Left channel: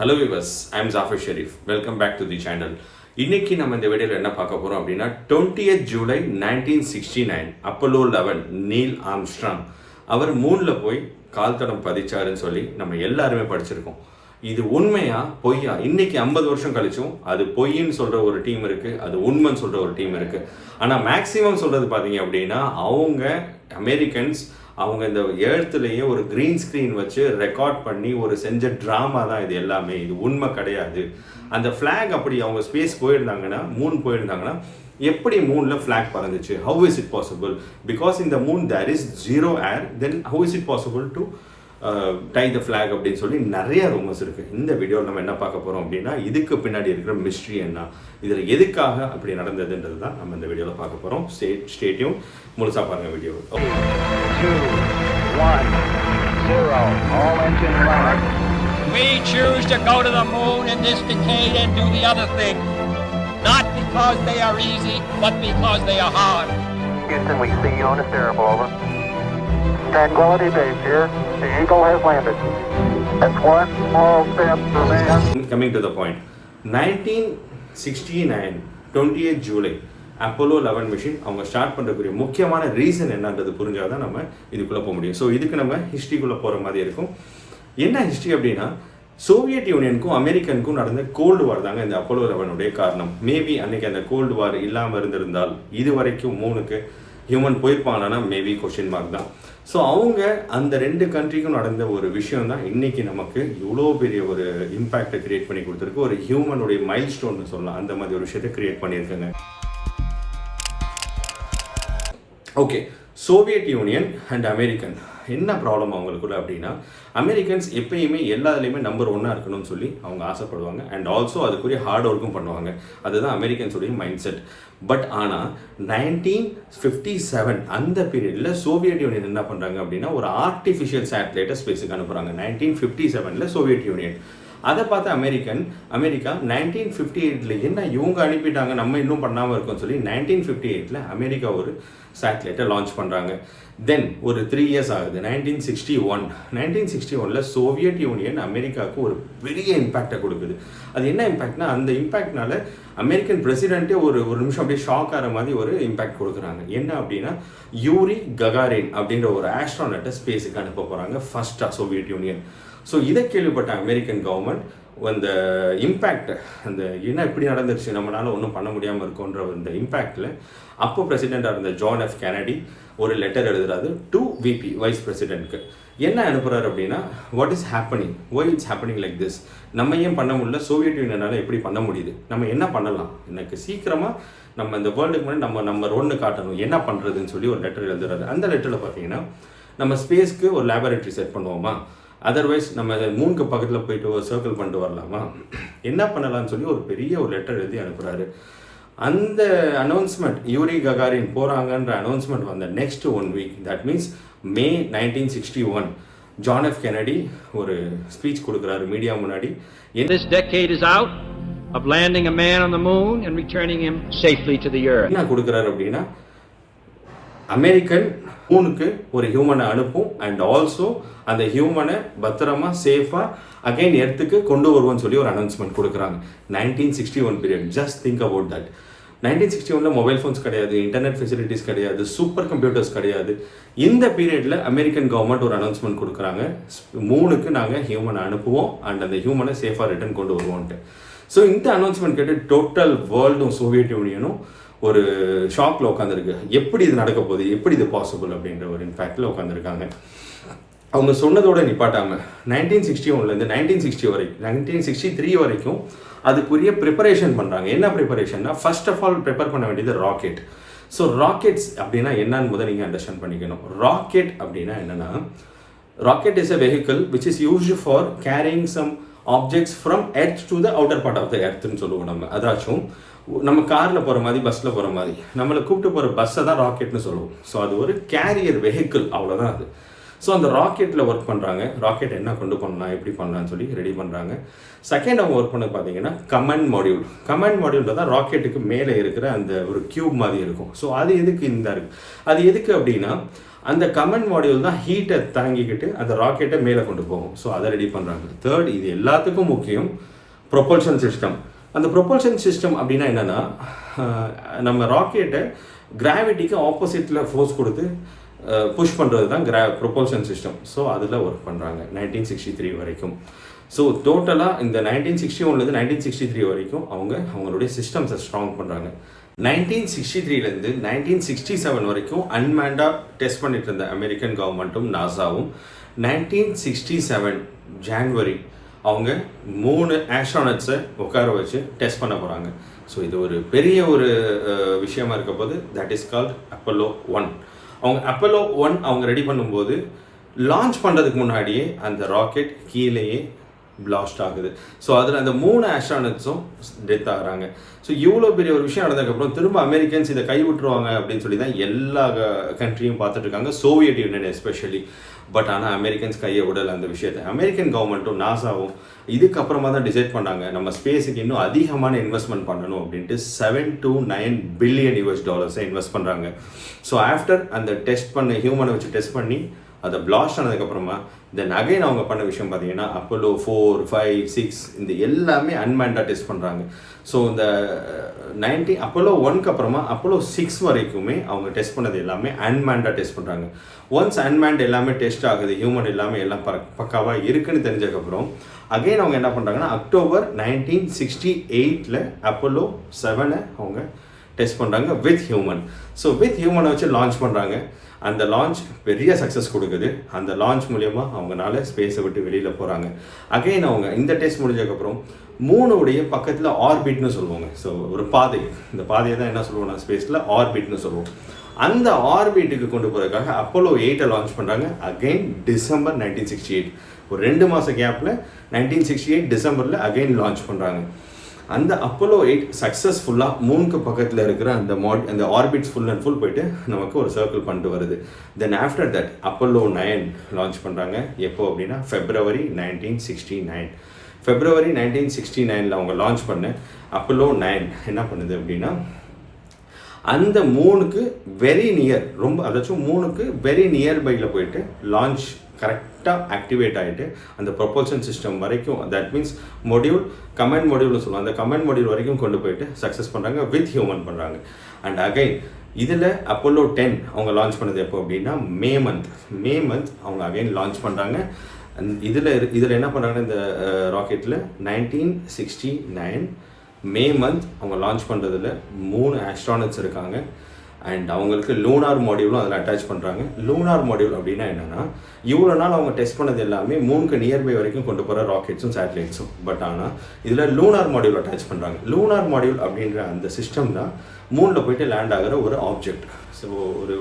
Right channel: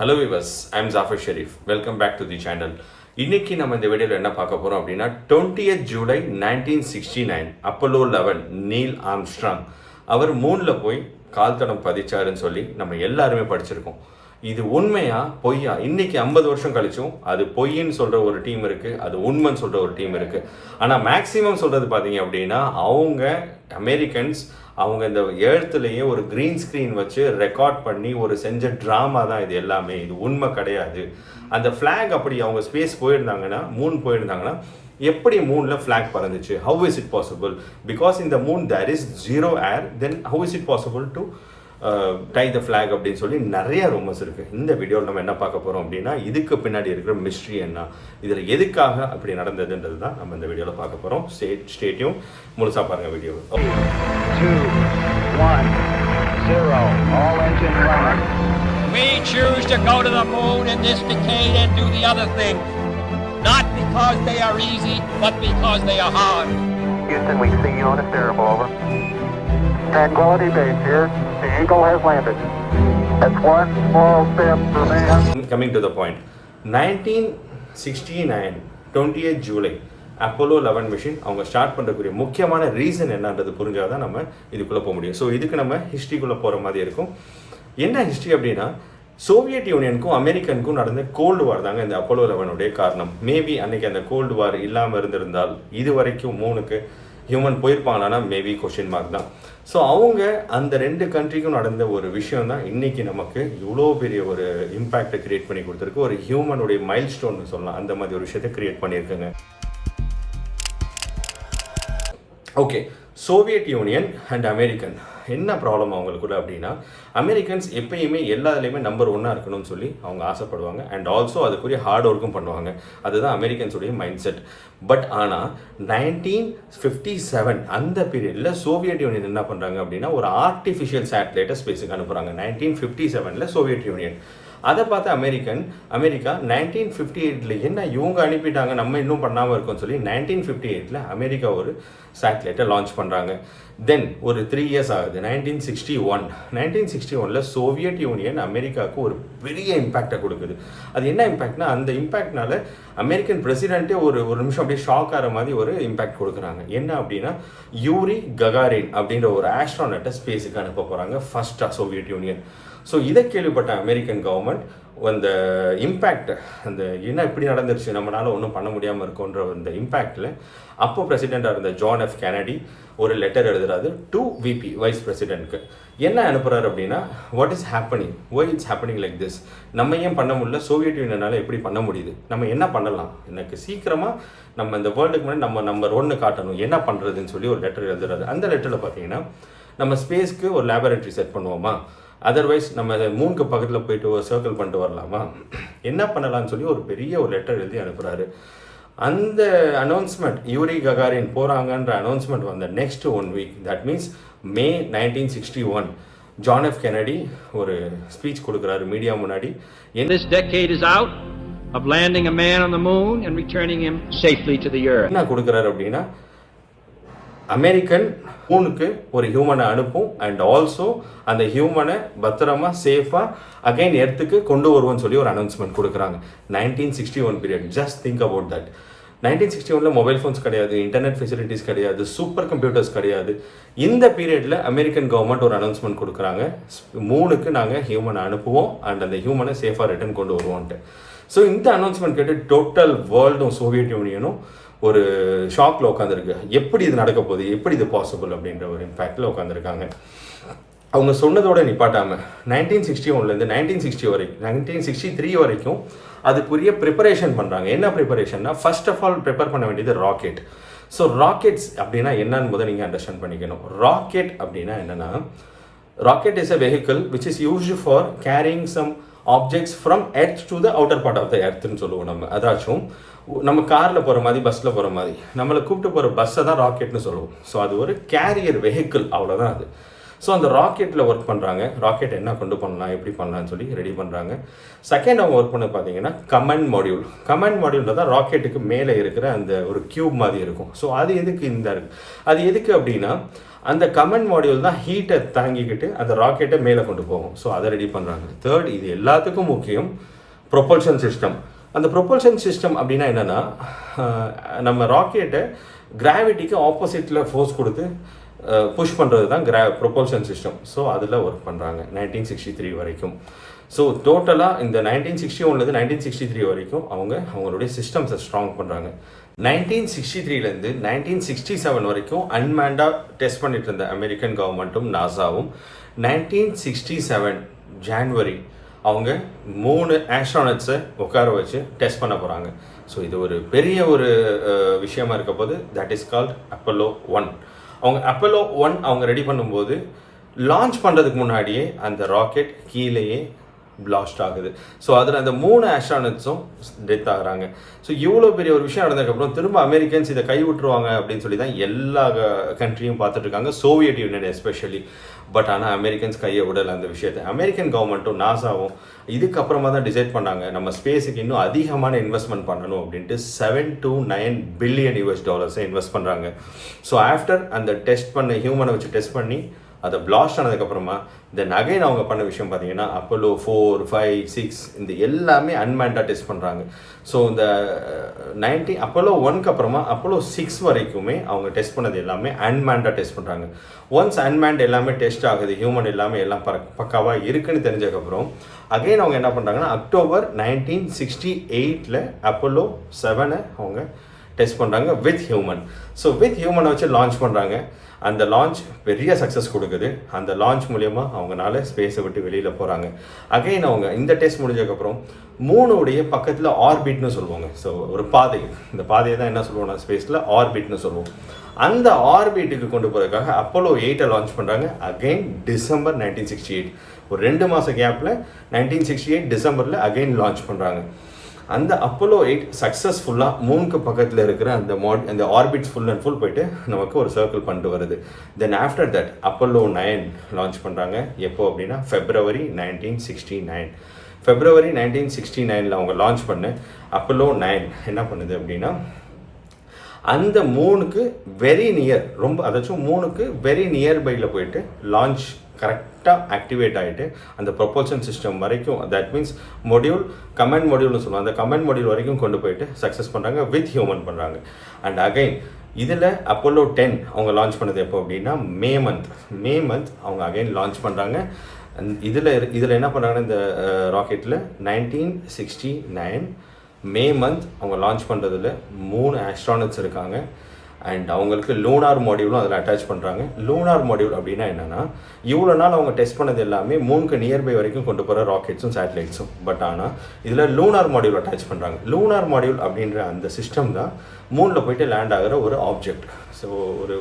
Hello viewers, I am Jaffer. Welcome back to the channel. இன்னைக்கு நம்ம இந்த வீடியோவில் என்ன பார்க்க போறோம் அப்படின்னா 20th July 1969 Apollo 11 Neil Armstrong அவர் மூன்ல போய் கால் தடம் பதிச்சாருன்னு சொல்லி நம்ம எல்லாருமே படிச்சிருக்கோம். இது உண்மையா பொய்யா? இன்னைக்கு 50 வருஷம் கழிச்சும் அது பொய்ன்னு சொல்ற ஒரு டீம் இருக்கு, அது உண்மைன்னு சொல்ற ஒரு டீம் இருக்கு. ஆனா மேக்சிமம் சொல்றது பாத்தீங்க அப்படின்னா அவங்க அமெரிக்கன்ஸ் அவங்க இந்த எழுத்துலேயே ஒரு கிரீன் ஸ்க்ரீன் வச்சு ரெக்கார்ட் பண்ணி ஒரு செஞ்ச ட்ராமா தான் இது எல்லாமே. இது உண்மை கிடையாது. அந்த ஃப்ளாக் அப்படி அவங்க ஸ்பேஸ் போயிருந்தாங்கன்னா, மூன் போயிருந்தாங்கன்னா எப்படி மூனில் ஃப்ளாக் பறந்துச்சு? How is it possible? Because இந்த moon there is zero air, then how is it possible to tie the flag அப்படின்னு சொல்லி நிறைய ரூமர்ஸ் இருக்குது. இந்த வீடியோவில் நம்ம என்ன பார்க்க போகிறோம் அப்படின்னா இதுக்கு பின்னாடி இருக்கிற மிஸ்ட்ரி என்ன, இதில் எதுக்காக அப்படி நடந்ததுன்றது தான் நம்ம இந்த வீடியோவில் பார்க்க போகிறோம். ஸ்டேட்யூம் முழுசாக பாருங்கள் video. 2, 1, 0, all engine running. We choose to go to the moon in this decade and do the other things, not because they are easy, but because they are hard. Houston, we see you on a stereo, over. Tranquility Base here. The Eagle has landed. That's one small step for man. Coming to the point, 1969 20th July Apollo 11 machine அவங்க start பண்ணுறதுக்குரிய முக்கியமான reason என்னன்றது புரிஞ்சால் தான் நம்ம இதுக்குள்ளே போக முடியும். So இதுக்கு நம்ம ஹிஸ்ட்ரிக்குள்ளே போகிற மாதிரி இருக்கும். என்ன ஹிஸ்ட்ரி அப்படின்னா சோவியட் யூனியனுக்கும் அமெரிக்கனுக்கும் நடந்த கோல்டு வார் தாங்க இந்த அப்போலோ 11 காரணம். மேபி அன்னைக்கு அந்த கோல்டு வார் இல்லாமல் இருந்திருந்தால் இது வரைக்கும் மூணுக்கு ஹியூமன் போயிருப்பாங்களான்னா மேபி கொஸ்டின் மார்க் தான். ஸோ அவங்க அந்த ரெண்டு கண்ட்ரிக்கும் நடந்த ஒரு விஷயம் தான் இன்னைக்கு நமக்கு இவ்வளோ பெரிய ஒரு இம்பேக்டை கிரியேட் பண்ணி கொடுத்துருக்கு. ஒரு ஹியூமனுடைய மைல் ஸ்டோன்னு சொல்லலாம், அந்த மாதிரி ஒரு விஷயத்தை கிரியேட் பண்ணியிருக்குங்க. Okay, Soviet Union and American என்ன ப்ராப்ளம் அவங்களுக்குள்ள அப்படின்னா, அமெரிக்கன்ஸ் எப்பயுமே எல்லாத்துலேயுமே நம்பர் 1 இருக்கணும்னு சொல்லி அவங்க ஆசைப்படுவாங்க. அண்ட் ஆல்சோ அதுக்குரிய ஹார்ட் ஒர்க்கும் பண்ணுவாங்க. அதுதான் அமெரிக்கன்ஸுடைய மைண்ட் செட். பட் ஆனால் 1957 அந்த பீரியடில் சோவியட் யூனியன் என்ன பண்ணுறாங்க அப்படின்னா ஒரு ஆர்டிஃபிஷியல் சேட்டலைட்டை ஸ்பேஸுக்கு அனுப்புகிறாங்க. 1957 சோவியட் யூனியன் அதை பார்த்து அமெரிக்கா 1958 என்ன இவங்க அனுப்பிட்டாங்க நம்ம இன்னும் பண்ணாமல் இருக்கோம்னு சொல்லி 1958 அமெரிக்கா ஒரு சேட்டலைட்டை லான்ச் பண்ணுறாங்க. தென் ஒரு 3 இயர்ஸ் ஆகுது. 1961 சோவியட் யூனியன் அமெரிக்காவுக்கு ஒரு பெரிய இம்பேக்டை கொடுக்குது. அது என்ன இம்பேக்ட்னா, அந்த இம்பேக்ட்னால அமெரிக்கன் பிரசிடென்ட்டே ஒரு நிமிஷம் அப்படியே ஷாக் ஆகிற மாதிரி ஒரு இம்பேக்ட் கொடுக்குறாங்க. என்ன அப்படின்னா யூரி ககாரின் அப்படின்ற ஒரு ஆஸ்ட்ரானட்டை ஸ்பேஸுக்கு அனுப்ப போகிறாங்க ஃபர்ஸ்ட்டாக சோவியட் யூனியன். ஸோ இதை கேள்விப்பட்ட அமெரிக்கன் கவர்மெண்ட் அந்த இம்பேக்ட், அந்த என்ன இப்படி நடந்துருச்சு நம்மளால ஒன்றும் பண்ண முடியாமல் இருக்கோன்ற அந்த இம்பேக்டில் அப்போ பிரசிடெண்ட்டாக இருந்த ஜான் எஃப் கெனடி ஒரு லெட்டர் எழுதுறாரு டு விபி வைஸ் பிரசிடென்ட்க்கு. என்ன அனுப்புறாரு அப்படின்னா, what is happening, why it's happening like this, நம்ம ஏன் பண்ண முடியல, சோவியட் யூனியனால் எப்படி பண்ண முடியுது, நம்ம என்ன பண்ணலாம், எனக்கு சீக்கிரமாக நம்ம இந்த வேர்ல்டுக்கு முன்னாடி நம்ம நம்பர் 1 காட்டணும், என்ன பண்ணுறதுன்னு சொல்லி ஒரு லெட்டர் எழுதுறாரு. அந்த லெட்டரில் பார்த்தீங்கன்னா நம்ம ஸ்பேஸ்க்கு ஒரு லேபரேட்டரி செட் பண்ணுவோமா, அதர்வைஸ் நம்ம மூணுக்கு பக்கத்தில் போயிட்டு ஒரு சர்க்கிள் பண்ணிட்டு வரலாமா, என்ன பண்ணலாம்னு சொல்லி ஒரு பெரிய ஒரு லெட்டர் எழுதி அனுப்புகிறாரு. அந்த அனௌன்ஸ்மெண்ட் யூரி ககாரின் போகிறாங்கன்ற அனௌன்ஸ்மெண்ட் வந்த next 1 week, that means May 1961 John F Kennedy ஒரு ஸ்பீச் கொடுக்குறாரு மீடியா முன்னாடி. This decade is out of landing a man on the moon and returning him safely to the earth. என்ன கொடுக்குறாரு அப்படின்னா, American மூணுக்கு ஒரு ஹியூமனை அனுப்பும் அண்ட் ஆல்சோ அந்த ஹியூமனை பத்திரமா சேஃபாக அகைன் எர்த்துக்கு கொண்டு வருவோம்னு சொல்லி ஒரு அனௌன்ஸ்மெண்ட் கொடுக்குறாங்க. 1961 period. Just think about that. 1961 mobile phones கிடையாது, இன்டர்நெட் ஃபெசிலிட்டிஸ் கிடையாது, சூப்பர் கம்ப்யூட்டர்ஸ் கிடையாது. இந்த பீரியடில் அமெரிக்கன் கவர்மெண்ட் ஒரு அனௌன்ஸ்மெண்ட் கொடுக்குறாங்க, மூணுக்கு நாங்கள் ஹியூமனை அனுப்புவோம் அண்ட் அந்த ஹியூமனை சேஃபாக ரிட்டர்ன் கொண்டு வருவோன்ட்டு. ஸோ இந்த அனௌன்ஸ்மெண்ட் கேட்டு டோட்டல் வேர்ல்டும் சோவியட் யூனியனும் ஒரு ஷாக்கில் உட்காந்துருக்கு. எப்படி இது நடக்க போகுது, எப்படி இது பாசிபிள் அப்படின்ற ஒரு இம்பேக்டில் உட்காந்துருக்காங்க. அவங்க சொன்னதோட நிப்பாட்டாமல் 1961 1963 வரைக்கும் அதுக்குரிய ப்ரிப்பரேஷன் பண்ணுறாங்க. என்ன ப்ரிப்பரேஷன்னா, ஃபர்ஸ்ட் ஆஃப் ஆல் ப்ரிப்பேர் பண்ண வேண்டியது ராக்கெட். ஸோ ராக்கெட்ஸ் அப்படின்னா என்னன்னு முதல் நீங்கள் அண்டர்ஸ்டாண்ட் பண்ணிக்கணும். ராக்கெட் அப்படின்னா என்னன்னா, rocket is a vehicle which is used for carrying some objects from earth to the outer part of the எர்த்னு சொல்லுவோம் நம்ம. அதாச்சும் நம்ம காரில் போகிற மாதிரி, பஸ்ஸில் போகிற மாதிரி நம்மளை கூப்பிட்டு போகிற பஸ்ஸை தான் ராக்கெட்னு சொல்லுவோம். ஸோ அது ஒரு கேரியர் வெஹிக்கிள், அவ்வளோதான் அது. ஸோ அந்த ராக்கெட்டில் ஒர்க் பண்ணுறாங்க. ராக்கெட் என்ன கொண்டு பண்ணலாம், எப்படி பண்ணலாம்னு சொல்லி ரெடி பண்ணுறாங்க. செகண்ட் அவங்க ஒர்க் பண்ண பார்த்தீங்கன்னா கமாண்ட் மாடியூல். கமாண்ட் மாடியூலில் தான் ராக்கெட்டுக்கு மேலே இருக்கிற அந்த ஒரு கியூப் மாதிரி இருக்கும். ஸோ அது எதுக்கு இந்த இருக்குது, அது எதுக்கு அப்படின்னா அந்த கமாண்ட் மாடியூல் தான் ஹீட்டை தாங்கிக்கிட்டு அந்த ராக்கெட்டை மேலே கொண்டு போகும். ஸோ அதை ரெடி பண்ணுறாங்க. தேர்ட், இது எல்லாத்துக்கும் முக்கியம் ப்ரொபல்ஷன் சிஸ்டம். அந்த ப்ரொபல்ஷன் சிஸ்டம் அப்படின்னா என்னென்னா, நம்ம ராக்கெட்டை கிராவிட்டிக்கு ஆப்போசிட்டில் ஃபோர்ஸ் கொடுத்து புஷ் பண்ணுறது தான் ப்ரொபல்ஷன் சிஸ்டம். ஸோ அதில் ஒர்க் பண்ணுறாங்க 1963 வரைக்கும். ஸோ டோட்டலாக இந்த 1961 1963 வரைக்கும் அவங்களுடைய சிஸ்டம்ஸை ஸ்ட்ராங் பண்ணுறாங்க. 1963 1967 வரைக்கும் அன்மேண்டாக டெஸ்ட் பண்ணிட்டு இருந்த அமெரிக்கன் கவர்மெண்ட்டும் நாசாவும் 1967 ஜான்வரி அவங்க 3 ஆஸ்ட்ரானட்ஸை உட்கார வச்சு டெஸ்ட் பண்ண போகிறாங்க. ஸோ இது ஒரு பெரிய ஒரு விஷயமா இருக்க போது. That is called Apollo 1. அவங்க அப்போலோ 1 அவங்க ரெடி பண்ணும்போது லான்ச் பண்ணுறதுக்கு முன்னாடியே அந்த ராக்கெட் கீழேயே பிளாஸ்ட் ஆகுது. ஸோ அதில் அந்த 3 ஆஸ்ட்ரானட்ஸும் டெத் ஆகுறாங்க. ஸோ இவ்வளோ பெரிய ஒரு விஷயம் நடந்ததுக்கப்புறம் திரும்ப அமெரிக்கன்ஸ் இதை கை விட்டுருவாங்க அப்படின்னு சொல்லி தான் எல்லா கண்ட்ரியும் பார்த்துட்டு இருக்காங்க, சோவியட் யூனியன் எஸ்பெஷலி. பட் ஆனால் அமெரிக்கன்ஸ் கையை விடலை அந்த விஷயத்தை. அமெரிக்கன் கவர்மெண்ட்டும் நாசாவும் இதுக்கப்புறமா தான் டிசைட் பண்ணாங்க நம்ம ஸ்பேஸுக்கு இன்னும் அதிகமான இன்வெஸ்ட்மெண்ட் பண்ணணும் அப்படின்ட்டு $7 to $9 பில்லியன் இன்வெஸ்ட் பண்ணுறாங்க. ஸோ ஆஃப்டர் அந்த டெஸ்ட் பண்ண ஹியூமனை வச்சு டெஸ்ட் பண்ணி அதை பிளாஸ்ட் ஆனதுக்கப்புறமா தென் அகைன் அவங்க பண்ண விஷயம் பார்த்தீங்கன்னா அப்போலோ 4, 5, 6 இந்த எல்லாமே அன்மேண்டாக டெஸ்ட் பண்ணுறாங்க. ஸோ இந்த அப்போலோ 1க்கு அப்புறமா அப்போலோ 6 வரைக்குமே அவங்க டெஸ்ட் பண்ணது எல்லாமே அன்மேண்டாக டெஸ்ட் பண்ணுறாங்க. ஒன்ஸ் அன்மேண்ட் எல்லாமே டெஸ்ட் ஆகுது, ஹியூமன் எல்லாமே எல்லாம் பக்காவாக இருக்குன்னு தெரிஞ்சதுக்கப்புறம் அகைன் அவங்க என்ன பண்ணுறாங்கன்னா அக்டோபர் 1968 அப்போலோ 7 அவங்க டெஸ்ட் பண்ணுறாங்க வித் ஹியூமன். ஸோ வித் ஹியூமனை வச்சு லான்ச் பண்ணுறாங்க. அந்த லான்ச் பெரிய சக்ஸஸ் கொடுக்குது. அந்த லான்ச் மூலயமா அவங்களால ஸ்பேஸை விட்டு வெளியில் போகிறாங்க. அகைன் அவங்க இந்த டெஸ்ட் முடிஞ்சதுக்கப்புறம் 3 பக்கத்தில் ஆர்பிட்னு சொல்லுவாங்க. ஸோ ஒரு பாதை, இந்த பாதையை தான் என்ன சொல்லுவோம்னா ஸ்பேஸில் ஆர்பிட்னு சொல்லுவோம். அந்த ஆர்பிட்டுக்கு கொண்டு போகிறதுக்காக அப்போலோ 8 லான்ச் பண்ணுறாங்க. அகைன் டிசம்பர் 1968, ஒரு 2 மாத கேப்பில் 1968 டிசம்பரில் அகைன் லான்ச் பண்ணுறாங்க. அந்த அப்போலோ 8 சக்ஸஸ்ஃபுல்லாக மூணுக்கு பக்கத்தில் இருக்கிற அந்த ஆர்பிட் ஃபுல் அண்ட் ஃபுல் போயிட்டு நமக்கு ஒரு சர்க்கிள் பண்ணிட்டு வருது. Then after that Apollo 9 launch பண்ணுறாங்க. எப்போ அப்படின்னா ஃபெப்ரவரி 1969. ஃபெப்ரவரி 1969 அவங்க லான்ச் பண்ண அப்போலோ 9 என்ன பண்ணுது அப்படின்னா அந்த 3க்கு வெரி நியர், ரொம்ப அதாச்சும் 3க்கு வெரி நியர்பையில் போயிட்டு லான்ச் கரெக்டாக ஆக்டிவேட் ஆகிட்டு அந்த ப்ரொபல்ஷன் சிஸ்டம் வரைக்கும், தட் மீன்ஸ் மொடியூல் கமாண்ட் மொடியூல்னு சொல்லுவாங்க, அந்த கமாண்ட் மொடியூல் வரைக்கும் கொண்டு போயிட்டு சக்ஸஸ் பண்ணுறாங்க, வித் ஹியூமன் பண்ணுறாங்க. அண்ட் அகைன் இதில் அப்போலோ 10 அவங்க லான்ச் பண்ணது எப்போ அப்படின்னா மே மந்த் அவங்க அகைன் லான்ச் பண்ணுறாங்க. இதில் என்ன பண்ணுறாங்கன்னா இந்த ராக்கெட்டில் 1969 மே மந்த் அவங்க லான்ச் பண்ணுறதுல 3 ஆஸ்ட்ரானட்ஸ் இருக்காங்க. அண்ட் அவங்களுக்கு லூனார் மாடியூலும் அதில் அட்டாச் பண்ணுறாங்க. லூனார் மாடியூல் அப்படின்னா என்னென்னா இவ்வளோ நாள் அவங்க டெஸ்ட் பண்ணது எல்லாமே 3க்கு நியர்பை வரைக்கும் கொண்டு போகிற ராக்கெட்ஸும் சேட்டலைட்ஸும். பட் ஆனால் இதில் லூனார் மாடியூல் அட்டாச் பண்ணுறாங்க. லூனார் மாடியூல் அப்படின்ற அந்த சிஸ்டம் தான் மூணில் போயிட்டு லேண்ட் ஆகிற ஒரு ஆப்ஜெக்ட். ஸோ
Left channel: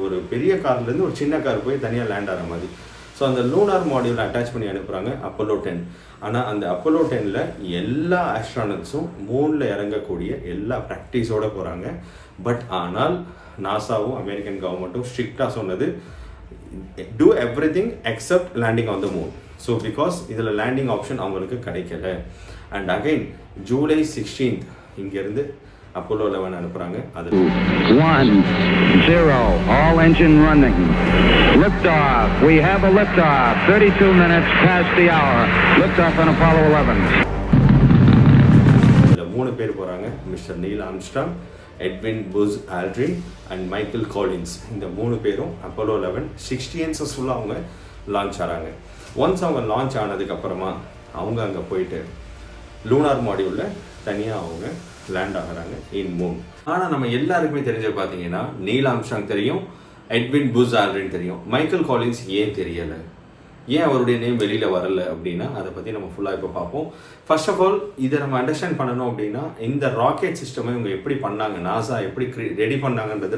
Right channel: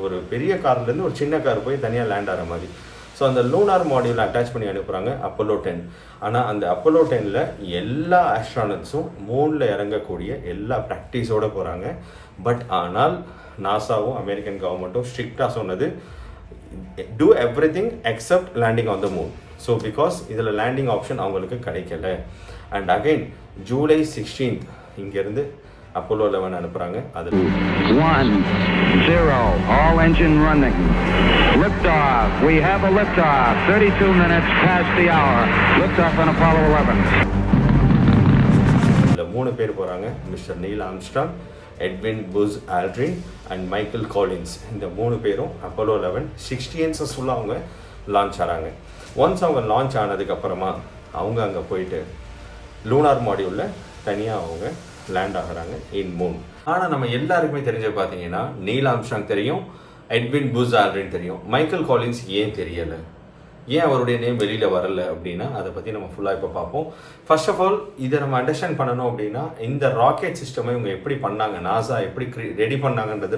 ஒரு பெரிய கார்லேருந்து ஒரு சின்ன கார் போய் தனியாக லேண்ட் ஆகிற மாதிரி. ஸோ அந்த லூனார் மாடியூலை அட்டாச் பண்ணி அனுப்புகிறாங்க அப்போலோ 10. ஆனால் அந்த அப்போலோ 10ல் எல்லா ஆஸ்ட்ரானட்ஸும் மூணில் இறங்கக்கூடிய எல்லா ப்ராக்டிஸோடு போகிறாங்க. பட் ஆனால் நாசாவும் அமெரிக்கன் கவர்மெண்ட்டும் ஸ்ட்ரிக்டாக சொன்னது do everything except landing on the moon. So because இதில் லேண்டிங் ஆப்ஷன் அவங்களுக்கு கிடைக்கல. அண்ட் அகைன் ஜூலை 16 இங்கேருந்து அப்போலோ 11 அனுப்புகிறாங்க. அது 1 0 all engine running. Liftoff. We have a liftoff. 32 minutes past the hour. Liftoff on Apollo 11. இதில் 3 பேர் போகிறாங்க. Mister Neil Armstrong, Edwin Buzz Aldrin and Michael Collins. இந்த 3 பேரும் அப்போலோ 11 60 ஃபுல்லாக அவங்க லான்ச் ஆகிறாங்க. ஒன்ஸ் அவங்க லான்ச் ஆனதுக்கப்புறமா அவங்க அங்கே போயிட்டு லூனார் மாடியூலில் தனியாக அவங்க லேண்ட் ஆகிறாங்க இன் மூன். ஆனால் நம்ம எல்லாருக்குமே தெரிஞ்ச பார்த்தீங்கன்னா நீல் ஆம்ஸ்ட்ராங் தெரியும், எட்வின் புஸ் ஆல்ட்ரின் தெரியும். மைக்கேல் காலின்ஸ் ஏன் தெரியலை, ஏன் அவருடைய நேம் வெளியில் வரல அப்படின்னா அதை பற்றி நம்ம ஃபுல்லாக இப்போ பார்ப்போம். ஃபர்ஸ்ட் ஆஃப் ஆல் இதை நம்ம அண்டர்ஸ்டாண்ட் பண்ணணும் அப்படின்னா இந்த ராக்கெட் சிஸ்டமை இவங்க எப்படி பண்ணாங்க, நாசா எப்படி ரெடி பண்ணாங்கன்றது